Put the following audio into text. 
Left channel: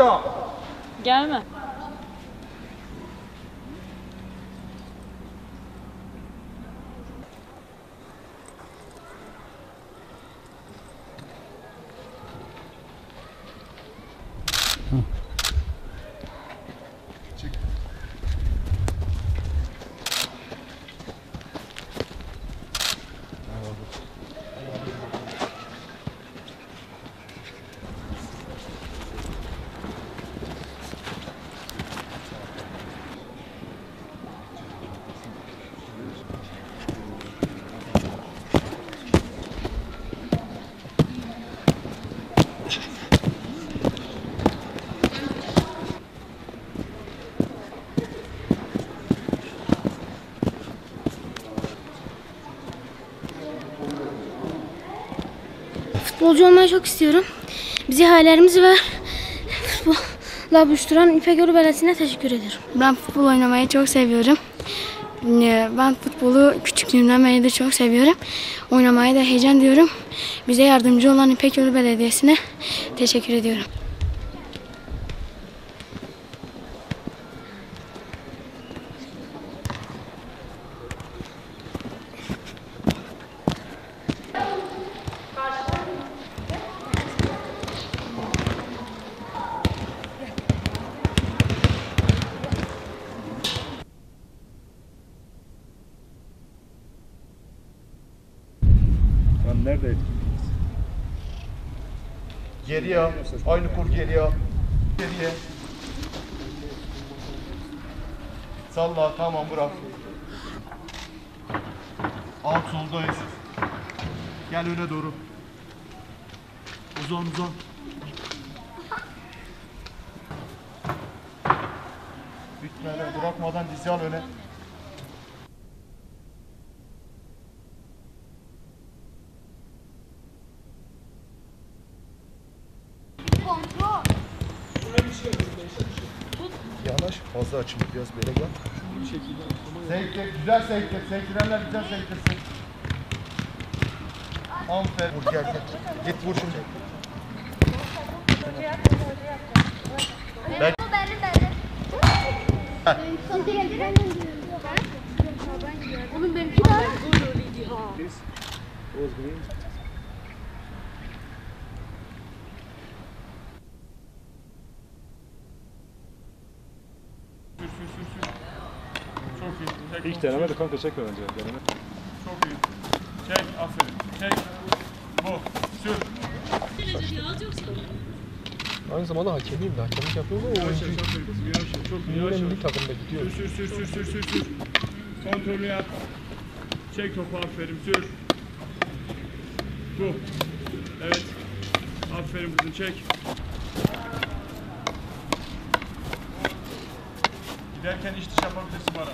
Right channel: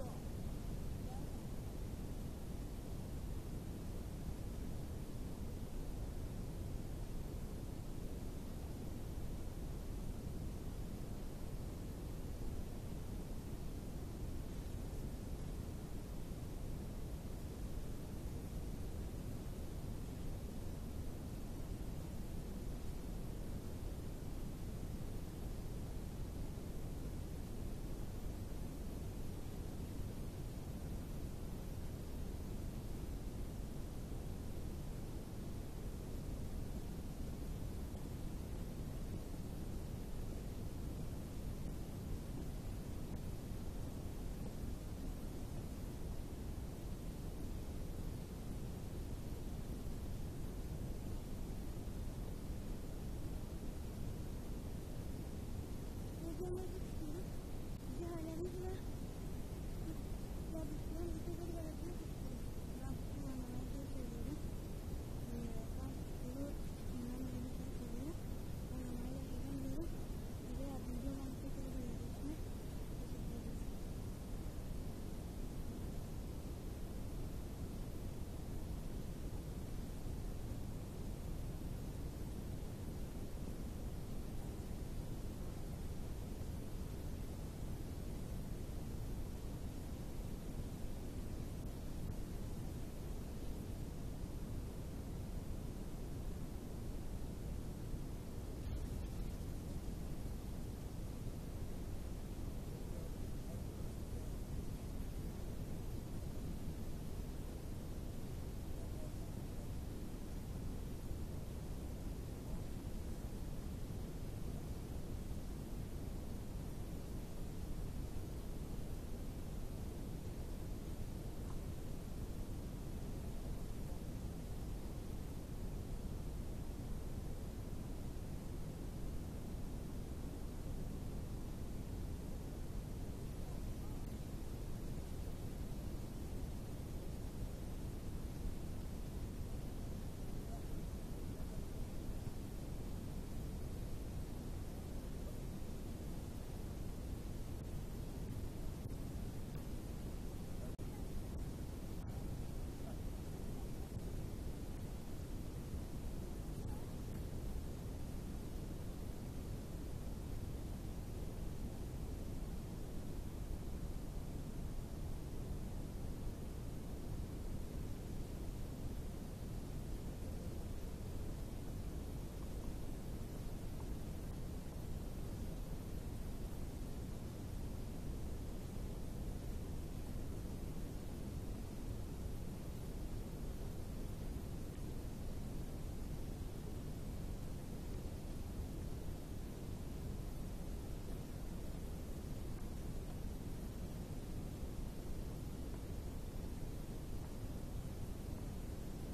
Stop. Gelme. Futbolcu olmayı çok istiyorum. Bizi hayallerimizi ve futbolla buluşturan İpek Belediyesi'ne teşekkür ederim. Ben futbol oynamayı çok seviyorum. Ben futbolu küçüklüğümden beri de çok seviyorum. Oynamayı da heyecan diyorum. Bize yardımcı olan İpek Belediyesi'ne teşekkür ediyorum. Nerede? Geriye. Aynı kur geriye. Geriye. Salla. Tamam bırak. Alt soldayız. Gel öne doğru. Uzan uzan. Bitmeden bırakmadan dizi al öne. Yanaş, fazla açılır biraz böyle gel. Sektir, güzel sektir. Sektirenler güzel sektirsin. Aferin. Vur gel gel. Git vur şimdi. Ben... Oğlum benimki de. Çok iyi. İlk deneme de kanka çekme bence. Deneme. Çok iyi. Çek, aferin. Çek. Bu. Sür. Aynı zamanda hakemiyim de. Hakemlik yapıyorum ama oyuncu. Çok iyi. Yavaş. Milli takımda gidiyor. Sür. Kontrolü yap. Çek topu, aferin. Sür. Bu. Evet. Aferin kızım, çek. Giderken iş dışı yapabilirsin bana.